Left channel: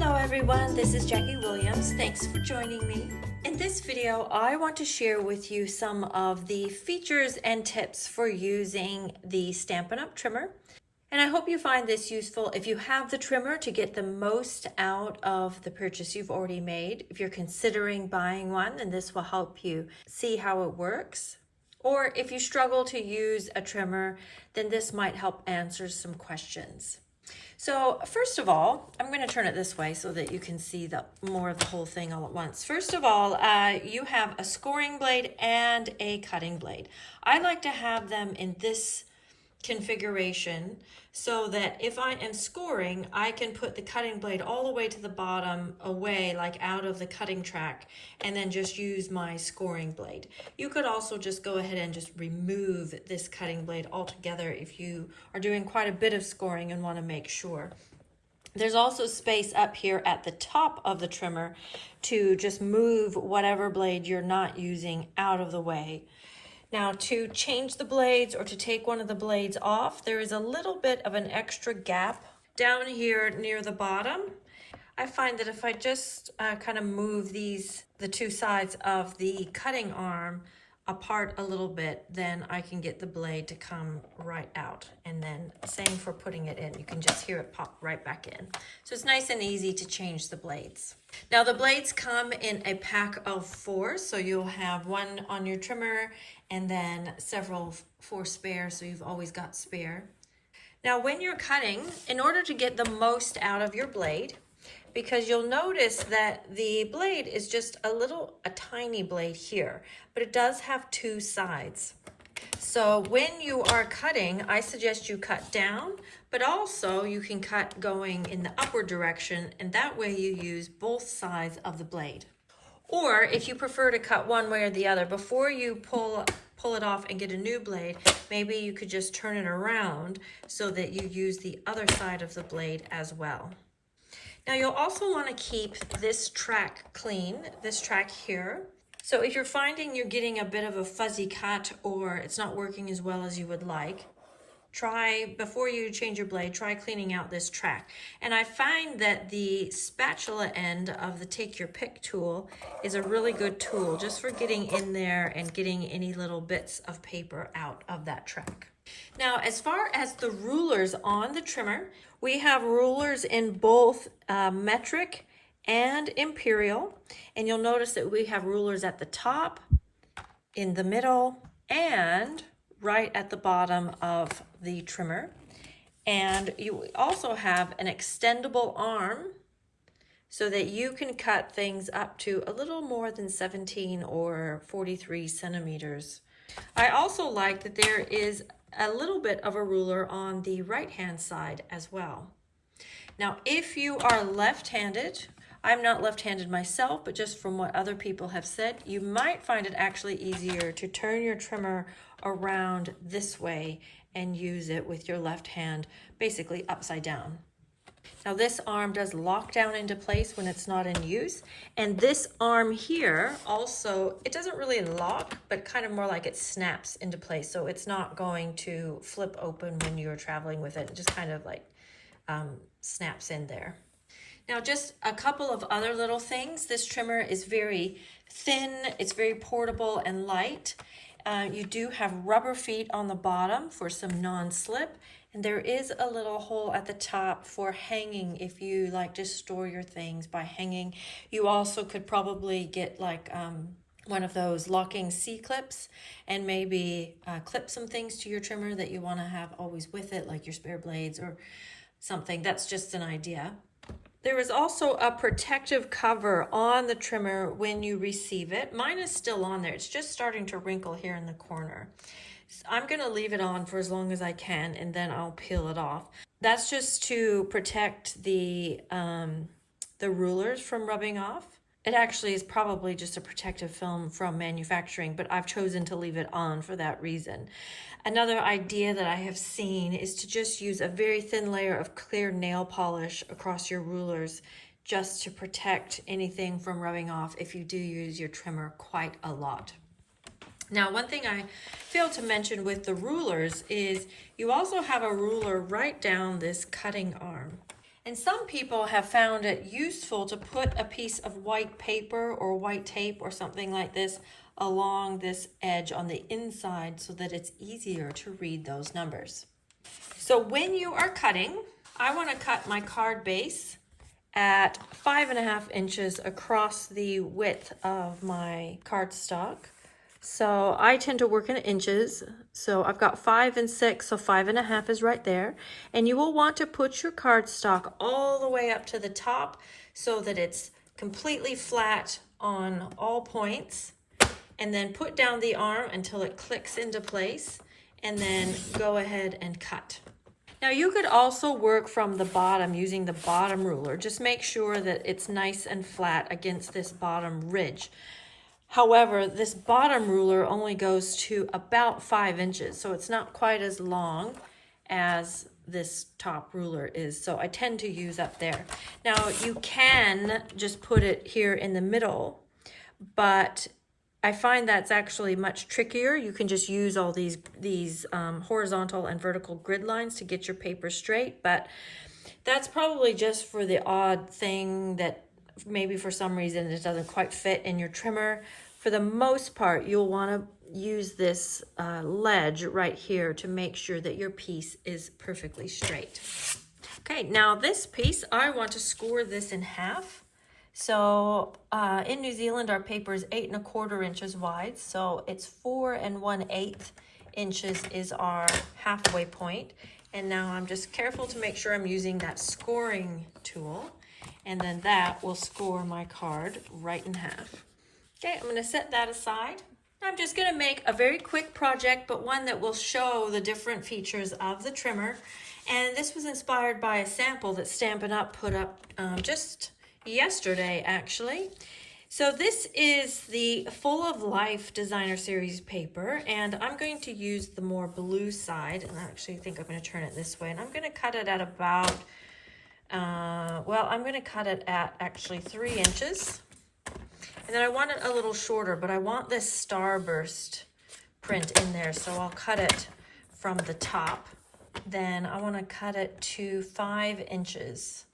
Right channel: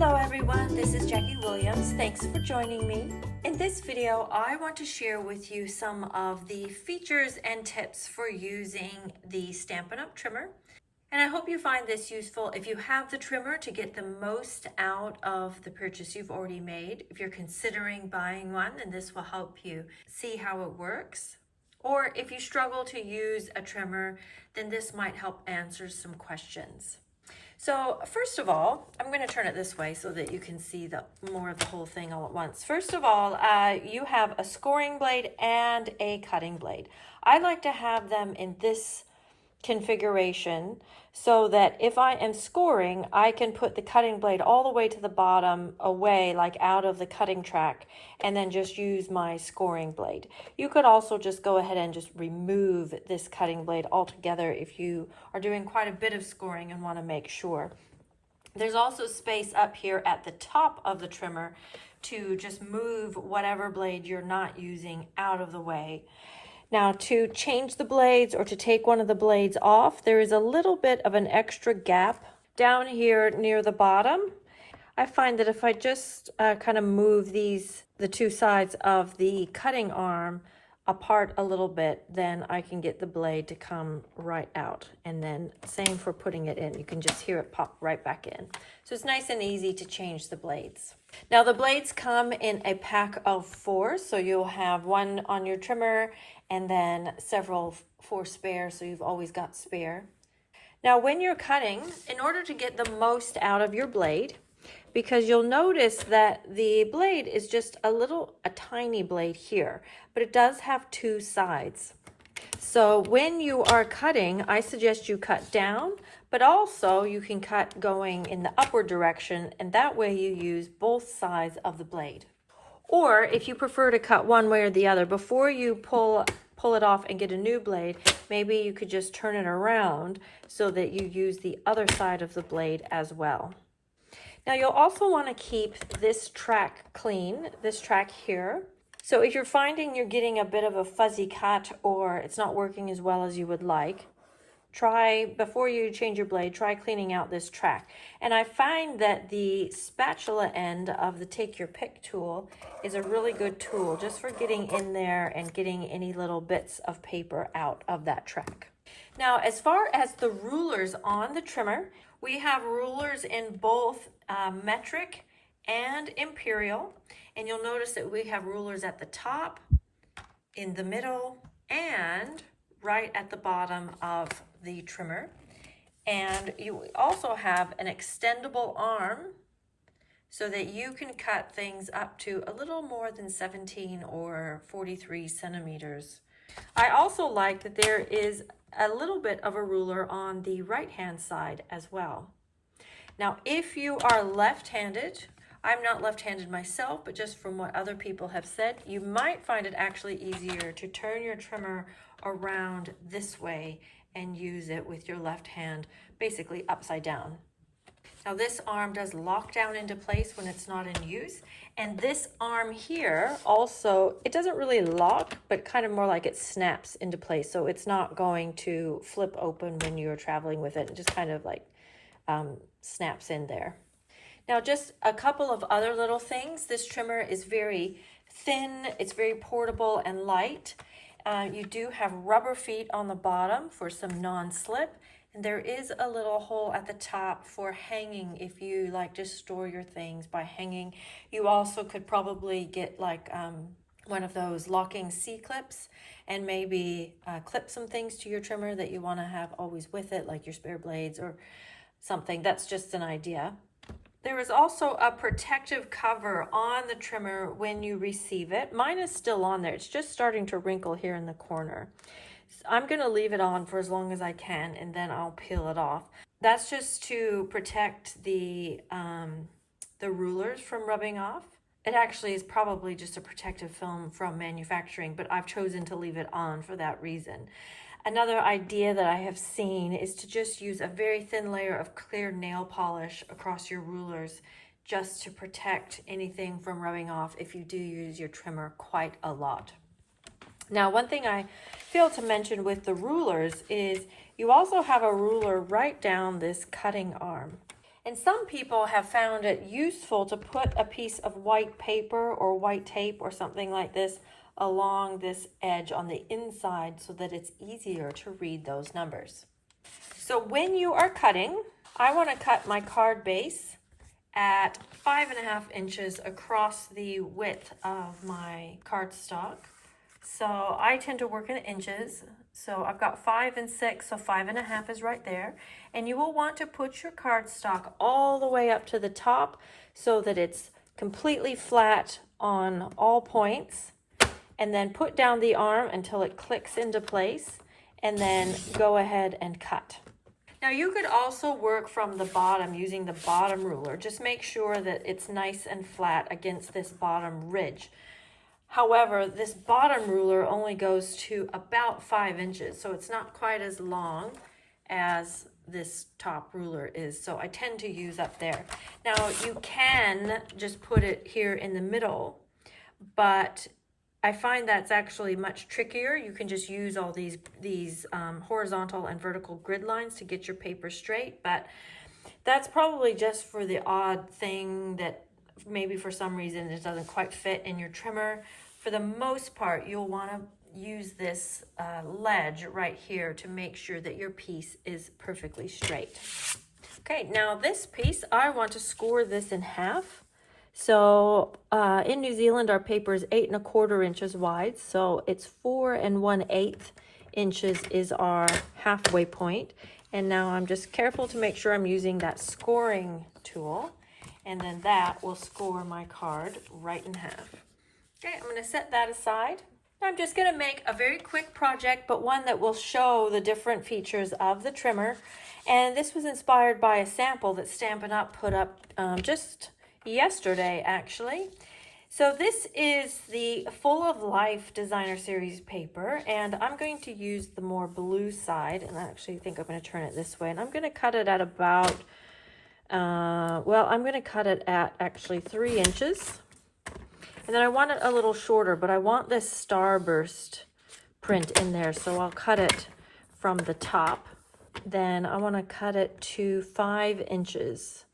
Hello everyone, this is Jackie Williams. Thanks for joining me. In this video, I want to share with you some of the features and tips for using the Stampin' Up! Trimmer. And I hope you find this useful if you have the trimmer to get the most out of the purchase you've already made. If you're considering buying one, then this will help you see how it works. Or if you struggle to use a trimmer, then this might help answer some questions. So first of all, I'm going to turn it this way so that you can see more of the whole thing all at once. First of all, you have a scoring blade and a cutting blade. I like to have them in this configuration so that if I am scoring, I can put the cutting blade all the way to the bottom away, like out of the cutting track, and then just use my scoring blade. You could also just go ahead and just remove this cutting blade altogether if you are doing quite a bit of scoring and want to make sure. There's also space up here at the top of the trimmer to just move whatever blade you're not using out of the way. Now, to change the blades or to take one of the blades off, there is a little bit of an extra gap down here near the bottom. I find that if I just kind of move the two sides of the cutting arm apart a little bit, then I can get the blade to come right out. And then same for putting it in. You can just hear it pop right back in. So it's nice and easy to change the blades. Now, the blades come in a pack of 4, so you'll have one on your trimmer and then four spare, so you've always got spare. Now, when you're cutting, in order to get the most out of your blade, because you'll notice that the blade is just a tiny blade here, but it does have 2 sides. So when you are cutting, I suggest you cut down, but also you can cut going in the upward direction, and that way you use both sides of the blade. Or if you prefer to cut one way or the other, before you pull it off and get a new blade, maybe you could just turn it around so that you use the other side of the blade as well. Now, you'll also want to keep this track clean, this track here. So if you're finding you're getting a bit of a fuzzy cut or it's not working as well as you would like, before you change your blade, try cleaning out this track. And I find that the spatula end of the Take Your Pick tool is a really good tool just for getting in there and getting any little bits of paper out of that track. Now, as far as the rulers on the trimmer, we have rulers in both metric and imperial. And you'll notice that we have rulers at the top, in the middle, and right at the bottom of the trimmer. And you also have an extendable arm so that you can cut things up to a little more than 17 or 43 centimeters. I also like that there is a little bit of a ruler on the right hand side as well. Now, if you are left-handed, I'm not left-handed myself, but just from what other people have said, you might find it actually easier to turn your trimmer around this way and use it with your left hand, basically upside down. Now, this arm does lock down into place when it's not in use. And this arm here also, it doesn't really lock, but kind of more like it snaps into place. So it's not going to flip open when you're traveling with it. It just kind of like snaps in there. Now, just a couple of other little things. This trimmer is very thin, it's very portable and light. You do have rubber feet on the bottom for some non-slip, and there is a little hole at the top for hanging if you like to store your things by hanging. You also could probably get like one of those locking C-clips and maybe clip some things to your trimmer that you want to have always with it, like your spare blades or something. That's just an idea. There is also a protective cover on the trimmer when you receive it. Mine is still on there. It's just starting to wrinkle here in the corner. So I'm going to leave it on for as long as I can, and then I'll peel it off. That's just to protect the rulers from rubbing off. It actually is probably just a protective film from manufacturing, but I've chosen to leave it on for that reason. Another idea that I have seen is to just use a very thin layer of clear nail polish across your rulers just to protect anything from rubbing off if you do use your trimmer quite a lot. Now, one thing I failed to mention with the rulers is you also have a ruler right down this cutting arm. And some people have found it useful to put a piece of white paper or white tape or something like this along this edge on the inside so that it's easier to read those numbers. So when you are cutting, I want to cut my card base at 5.5 inches across the width of my cardstock. So I tend to work in inches. So I've got 5 and 6, so 5.5 is right there. And you will want to put your cardstock all the way up to the top so that it's completely flat on all points. And then put down the arm until it clicks into place, and then go ahead and cut. Now you could also work from the bottom using the bottom ruler. Just make sure that it's nice and flat against this bottom ridge. However, this bottom ruler only goes to about 5 inches, so it's not quite as long as this top ruler is. So I tend to use up there. Now you can just put it here in the middle, but I find that's actually much trickier. You can just use all these horizontal and vertical grid lines to get your paper straight, but that's probably just for the odd thing that maybe for some reason it doesn't quite fit in your trimmer. For the most part, you'll want to use this ledge right here to make sure that your piece is perfectly straight. Okay, now this piece, I want to score this in half. So in New Zealand, our paper is 8.25 inches wide, so it's 4 1/8 inches is our halfway point. And now I'm just careful to make sure I'm using that scoring tool, and then that will score my card right in half. Okay, I'm going to set that aside. I'm just going to make a very quick project, but one that will show the different features of the trimmer. And this was inspired by a sample that Stampin' Up! Put up just yesterday, actually. So this is the Full of Life Designer Series paper, and I'm going to use the more blue side, and I actually think I'm going to turn it this way, and I'm going to cut it at about, I'm going to cut it at actually 3 inches. And then I want it a little shorter, but I want this starburst print in there, so I'll cut it from the top. Then I want to cut it to 5 inches.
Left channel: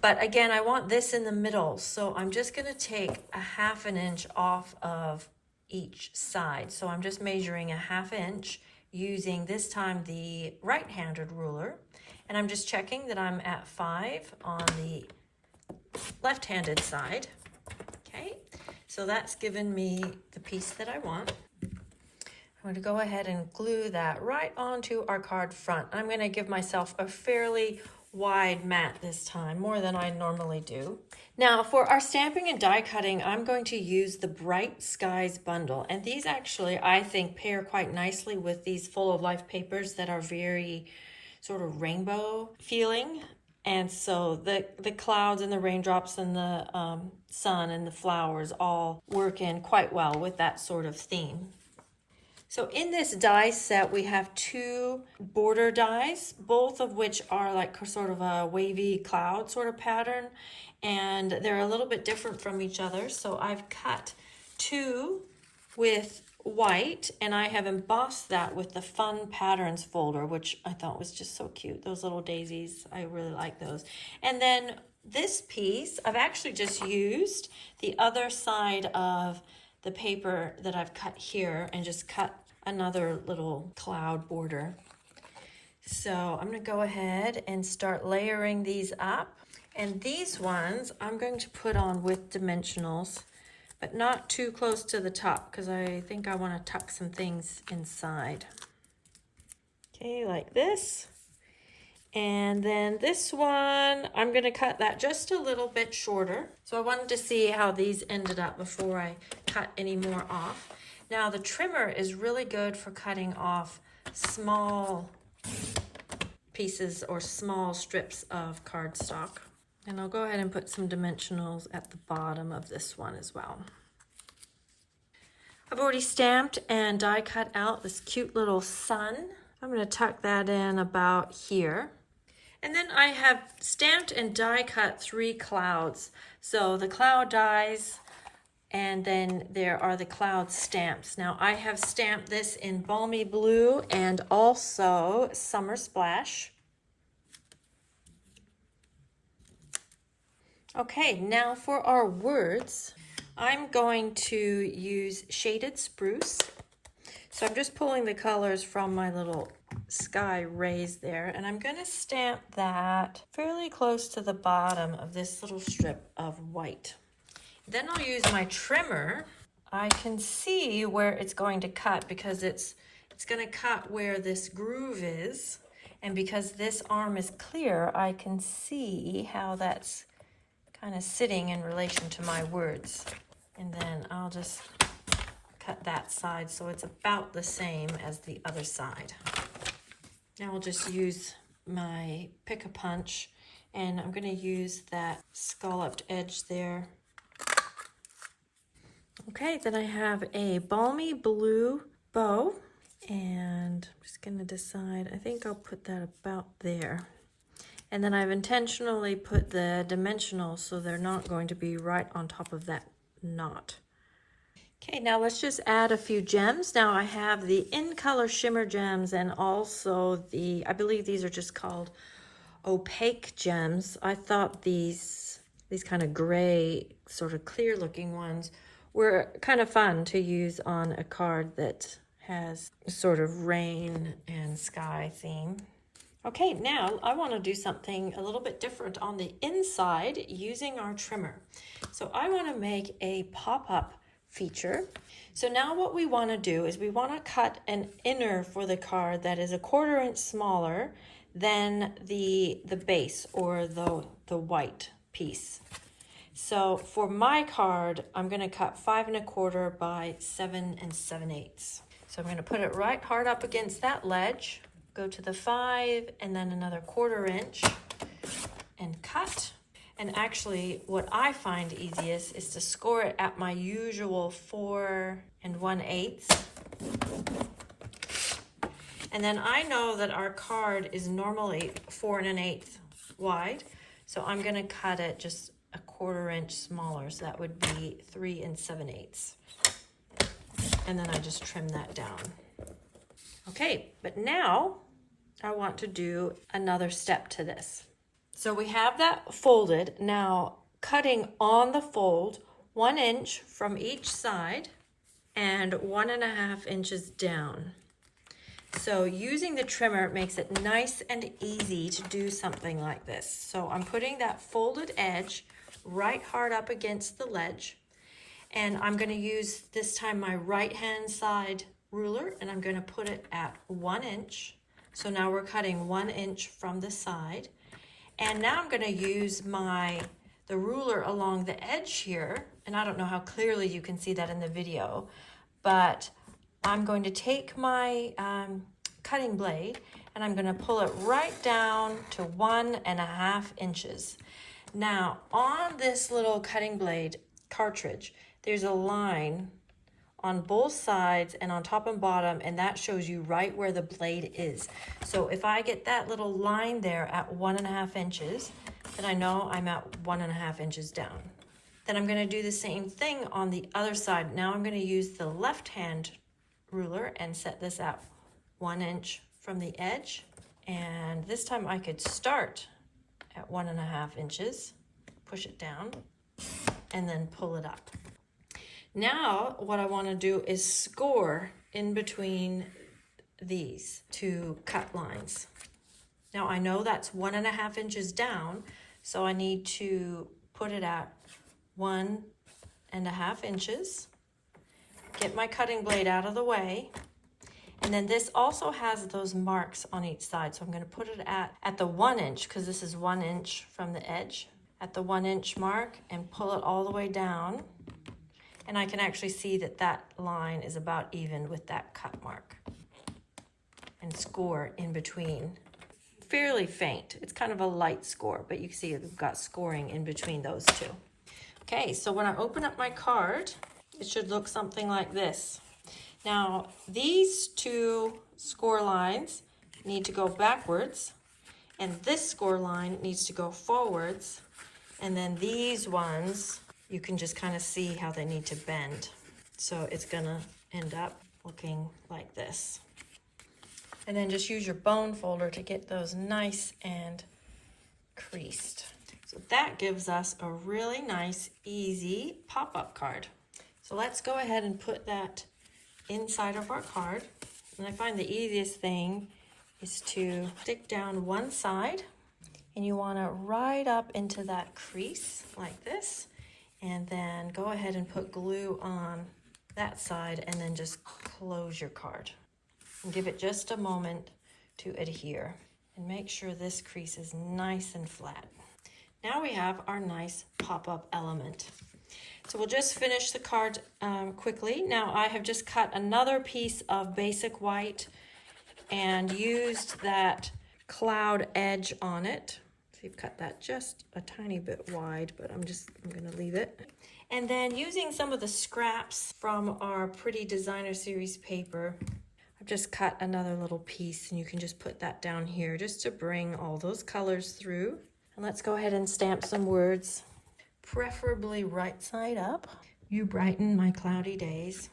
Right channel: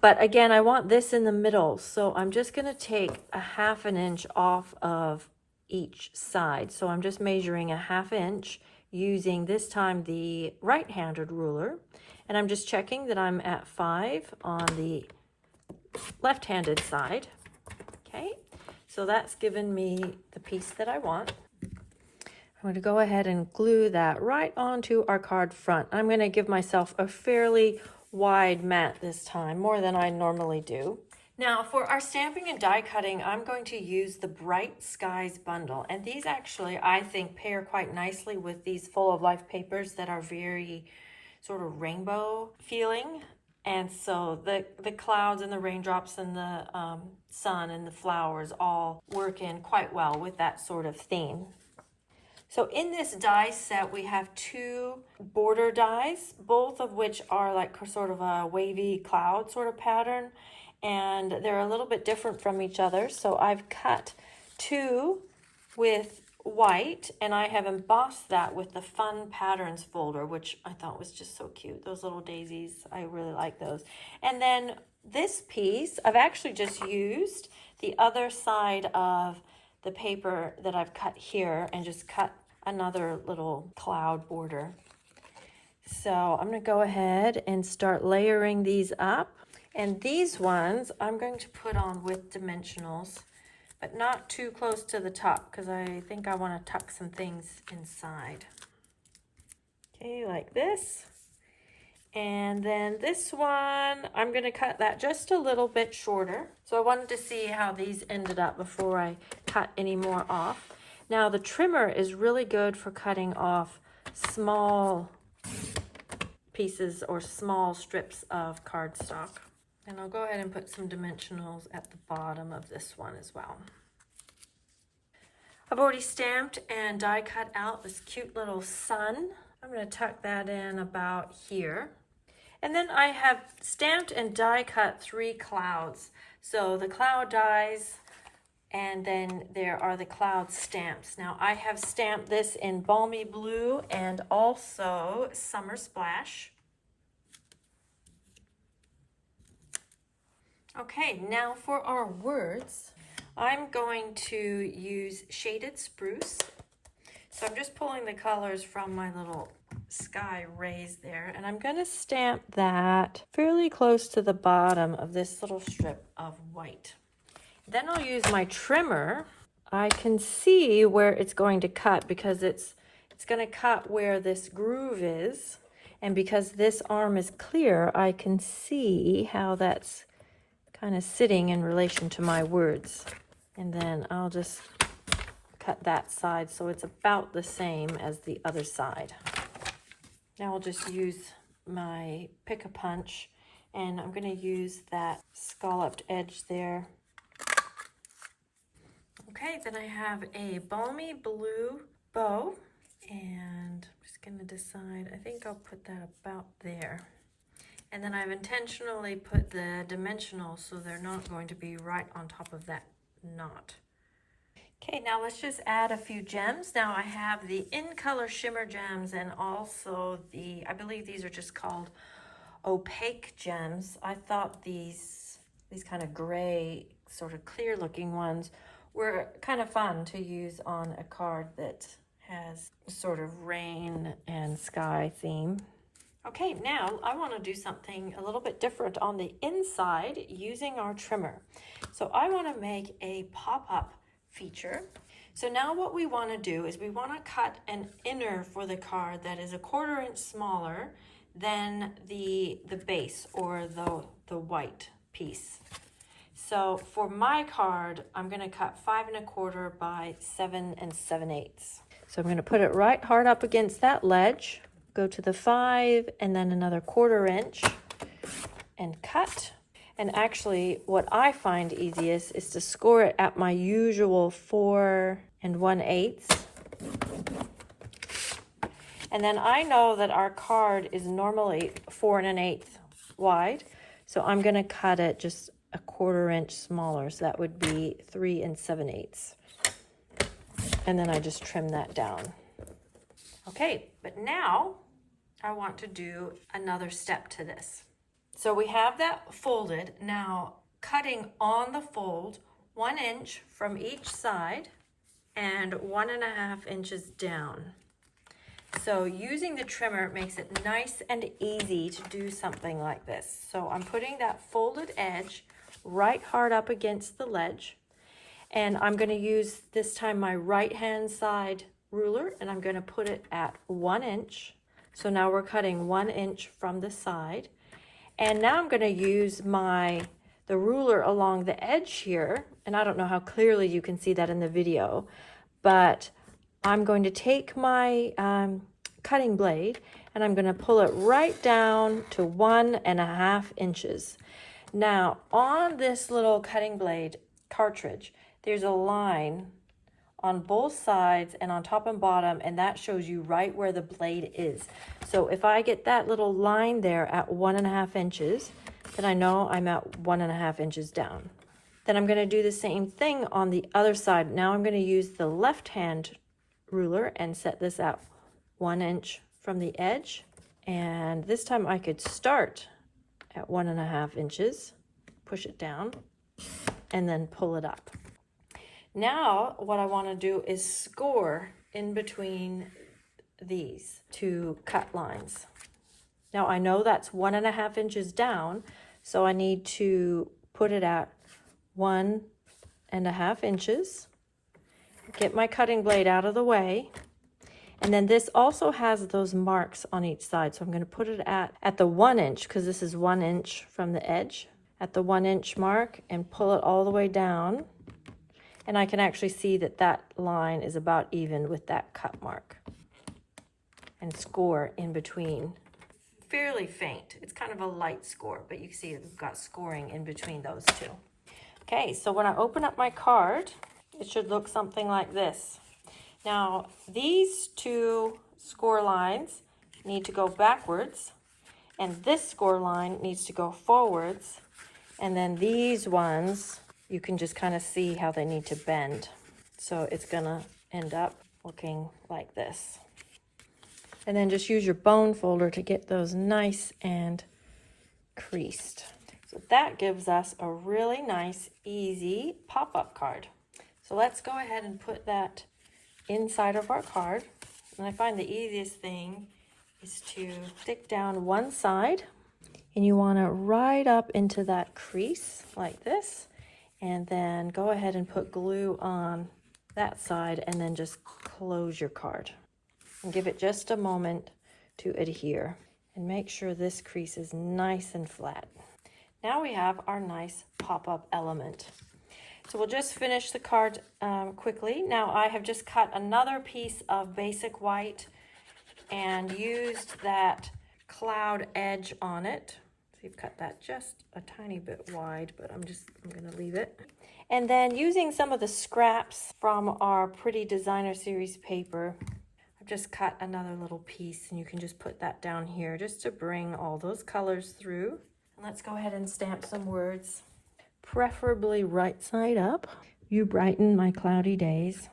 But again, I want this in the middle, so I'm just going to take a 1/2 inch off of each side. So I'm just measuring a 1/2 inch using this time the right-handed ruler, and I'm just checking that I'm at 5 on the left-handed side. Okay, so that's given me the piece that I want. I'm going to go ahead and glue that right onto our card front. I'm going to give myself a fairly wide mat this time, more than I normally do. Now for our stamping and die cutting, I'm going to use the Bright Skies bundle, and these actually I think pair quite nicely with these Full of Life papers that are very sort of rainbow feeling. And so the clouds and the raindrops and the sun and the flowers all work in quite well with that sort of theme. So in this die set, we have 2 border dies, both of which are like sort of a wavy cloud sort of pattern, and they're a little bit different from each other. So I've cut 2 with white, and I have embossed that with the Fun Patterns folder, which I thought was just so cute. Those little daisies, I really like those. And then this piece, I've actually just used the other side of the paper that I've cut here and just cut another little cloud border. So I'm going to go ahead and start layering these up. And these ones I'm going to put on with dimensionals, but not too close to the top because I think I want to tuck some things inside. Okay, like this. And then this one, I'm going to cut that just a little bit shorter. So I wanted to see how these ended up before I cut any more off. Now the trimmer is really good for cutting off small pieces or small strips of cardstock. And I'll go ahead and put some dimensionals at the bottom of this one as well. I've already stamped and die cut out this cute little sun. I'm going to tuck that in about here. And then I have stamped and die cut 3 clouds. So the cloud dies, and then there are the cloud stamps. Now I have stamped this in Balmy Blue and also Summer Splash. Okay, now for our words, I'm going to use shaded spruce. So I'm just pulling the colors from my little sky rays there, and I'm going to stamp that fairly close to the bottom of this little strip of white. Then I'll use my trimmer. I can see where it's going to cut because it's going to cut where this groove is, and because this arm is clear, I can see how that's kind of sitting in relation to my words. And then I'll just cut that side so it's about the same as the other side. Now I'll just use my pick-a-punch, and I'm going to use that scalloped edge there. Okay, then I have a balmy blue bow, and I'm just going to decide, I think I'll put that about there. And then I've intentionally put the dimensional so they're not going to be right on top of that knot. Okay, now let's just add a few gems. Now I have the In Color Shimmer gems and also I believe these are just called opaque gems. I thought these kind of gray, sort of clear looking ones were kind of fun to use on a card that has sort of rain and sky theme. Okay, now I want to do something a little bit different on the inside using our trimmer. So I want to make a pop-up feature. So now what we want to do is we want to cut an inner for the card that is 1/4 inch smaller than the base or the white piece. So for my card, I'm going to cut 5 1/4 by 7 7/8. So I'm going to put it right hard up against that ledge, go to the 5 and then another 1/4 inch and cut. And actually what I find easiest is to score it at my usual 4 1/8. And then I know that our card is normally 4 1/8 wide, so I'm going to cut it just 1/4 inch smaller, so that would be 3 7/8. And then I just trim that down. Okay, but now I want to do another step to this. So we have that folded. Now cutting on the fold 1 inch from each side and 1 1/2 inches down. So using the trimmer makes it nice and easy to do something like this. So I'm putting that folded edge right hard up against the ledge, and I'm going to use this time my right hand side ruler, and I'm going to put it at 1 inch. So now we're cutting 1 inch from the side. And now I'm going to use the ruler along the edge here, and I don't know how clearly you can see that in the video, but I'm going to take my cutting blade and I'm going to pull it right down to 1 1/2 inches. Now on this little cutting blade cartridge, there's a line on both sides and on top and bottom, and that shows you right where the blade is. So if I get that little line there at 1 1/2 inches, then I know I'm at 1 1/2 inches down. Then I'm going to do the same thing on the other side. Now I'm going to use the left hand ruler and set this at 1 inch from the edge. And this time I could start at 1 1/2 inches, push it down, and then pull it up. Now what I want to do is score in between these two cut lines. Now I know that's 1 1/2 inches down, so I need to put it at 1 1/2 inches, get my cutting blade out of the way, and then this also has those marks on each side, so I'm going to put it at the 1 inch, because this is 1 inch from the edge, at the 1 inch mark, and pull it all the way down. And I can actually see that that line is about even with that cut mark. And score in between. Fairly faint. It's kind of a light score, but you can see we've got scoring in between those two. Okay, so when I open up my card, it should look something like this. Now, these two score lines need to go backwards, and this score line needs to go forwards, and then these ones, you can just kind of see how they need to bend. So it's gonna end up looking like this. And then just use your bone folder to get those nice and creased. So that gives us a really nice, easy pop-up card. So let's go ahead and put that inside of our card. And I find the easiest thing is to stick down one side, and you want to right up into that crease like this, and then go ahead and put glue on that side, and then just close your card and give it just a moment to adhere, and make sure this crease is nice and flat. Now we have our nice pop-up element. So we'll just finish the card quickly. Now I have just cut another piece of basic white and used that cloud edge on it. So you've cut that just a tiny bit wide, but I'm gonna leave it. And then using some of the scraps from our Pretty Designer Series paper, I've just cut another little piece, and you can just put that down here just to bring all those colors through. And let's go ahead and stamp some words, preferably right side up. You brighten my cloudy days.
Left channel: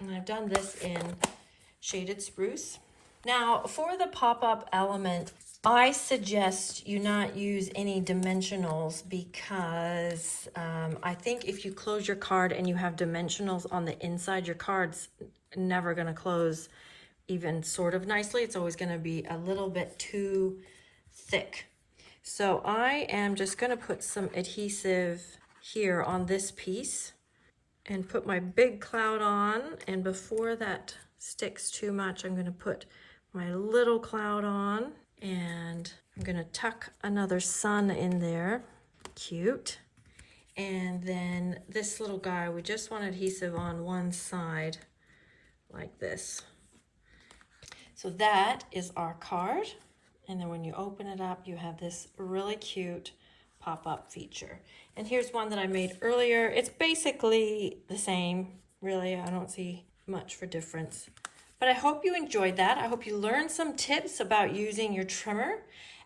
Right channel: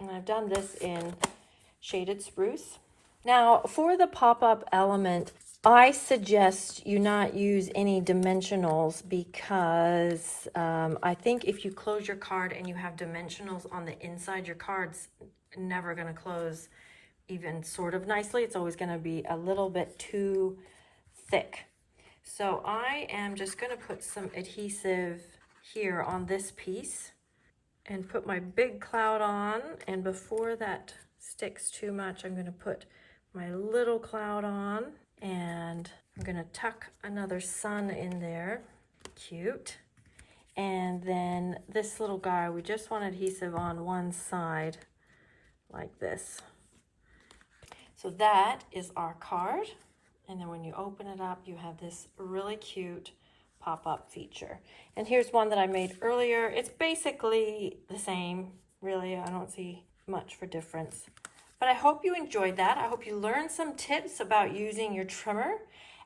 And I've done this in shaded spruce. Now for the pop-up element, I suggest you not use any dimensionals, because I think if you close your card and you have dimensionals on the inside, your card's never going to close even sort of nicely. It's always going to be a little bit too thick. So I am just going to put some adhesive here on this piece and put my big cloud on, and before that sticks too much, I'm going to put my little cloud on, and I'm going to tuck another sun in there. Cute. And then this little guy, we just want adhesive on one side like this. So that is our card. And then when you open it up, you have this really cute pop-up feature. And here's one that I made earlier. It's basically the same, really. I don't see much for difference. But I hope you enjoyed that. I hope you learned some tips about using your trimmer,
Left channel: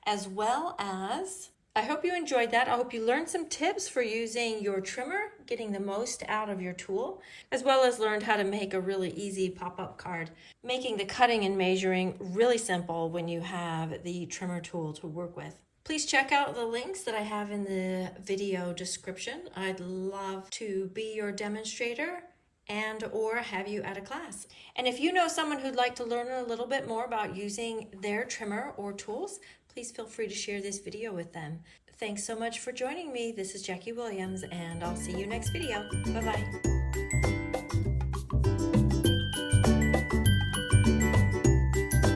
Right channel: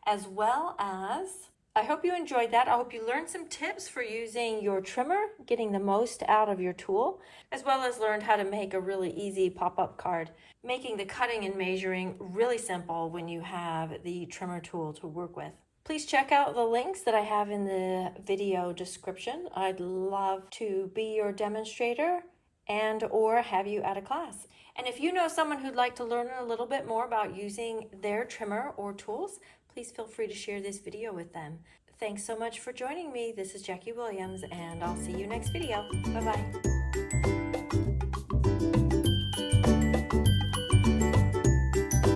as well as, I hope you enjoyed that. I hope you learned some tips for using your trimmer, getting the most out of your tool, as well as learned how to make a really easy pop-up card, making the cutting and measuring really simple when you have the trimmer tool to work with. Please check out the links that I have in the video description. I'd love to be your demonstrator and or have you at a class. And if you know someone who'd like to learn a little bit more about using their trimmer or tools, please feel free to share this video with them. Thanks so much for joining me. This is Jackie Williams, and I'll see you next video. Bye-bye.